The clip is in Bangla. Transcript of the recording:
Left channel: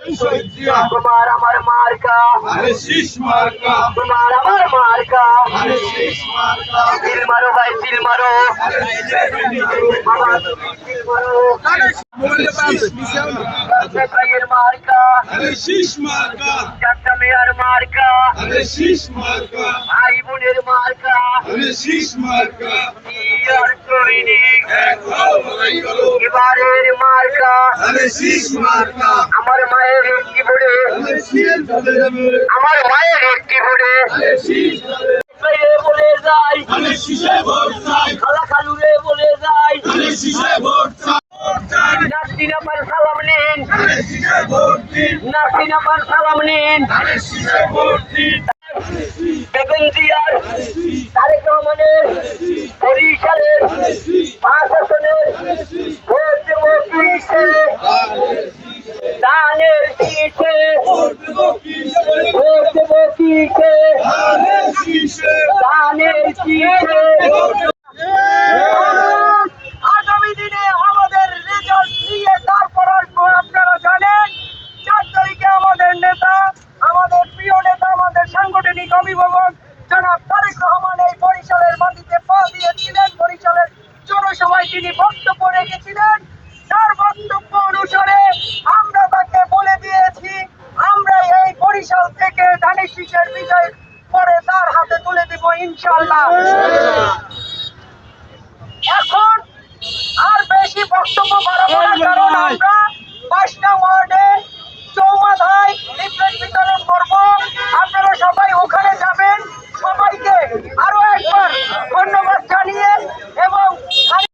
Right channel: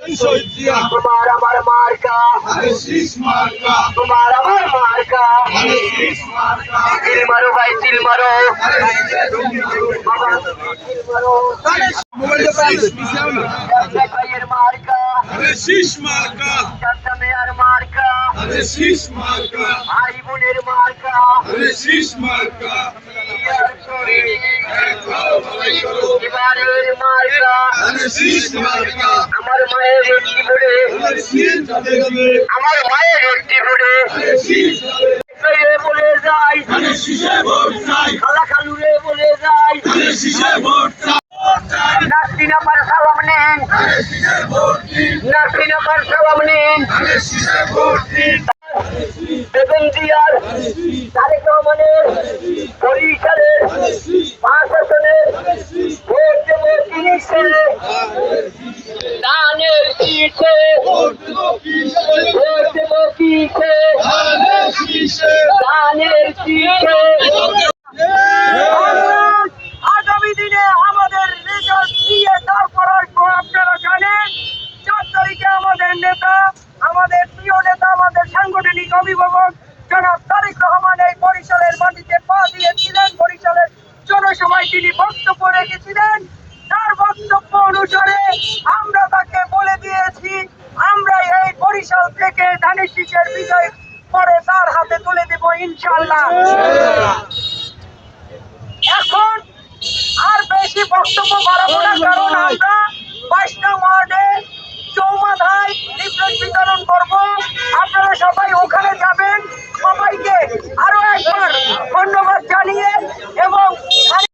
তোমার আমার মার্কা তোমার আমার মার্কা তিল মারো ভাই তিল মারো ভাইয়ের মার্কা চারটা মেয়ার মার্কা ভাই বোনের মার্কা এবারের মার্কা আমার মায়ের একটি ভোটে আমার মায়ের একটি ভোটে বলে যাই খালা খালুরে বলে যাই নাসরিন আপার সালাম নিন নাসরিন আপার সালাম নিন বেগম জিয়ার তারেক রহমানের বরিশালের প্রশাসনের ভোট দেব কিসে দানের কিসে ভোট দেব কিসে দানের কিসে আগামী দিনে আমাদের রেজাল্ট নিয়ে তারপর আসবো। আপনারা জানেন 4 তারিখে আমাদের নেতা, আমাদের প্রিয় নেতা, আমাদের সাংগঠনিক অভিভাবক জনাব তারেক রহমান এই বরিশালের মাটিতে পা দিয়েছিলেন। বরিশালের জনসভায় তিনি বক্তব্য রেখেছিলেন। তার বক্তব্য অনুসারে আমরা তাকে বলে দিয়েছি আমরা এই বরিশাল থেকে ধানের শীষের বিজয় পরে তার হাতে তুলে দেব ইনশাআল্লাহ। এখন আর বেশি বক্তব্য বাড়াবো না, কারণ আমরা 5 নং ওয়ার্ডে চৌমাথায় লিফলেট বিতরণ করব। আপনারা সবাই ওখানে যাবেন। সবাইকে আরো একবার ধন্যবাদ জানিয়ে এবং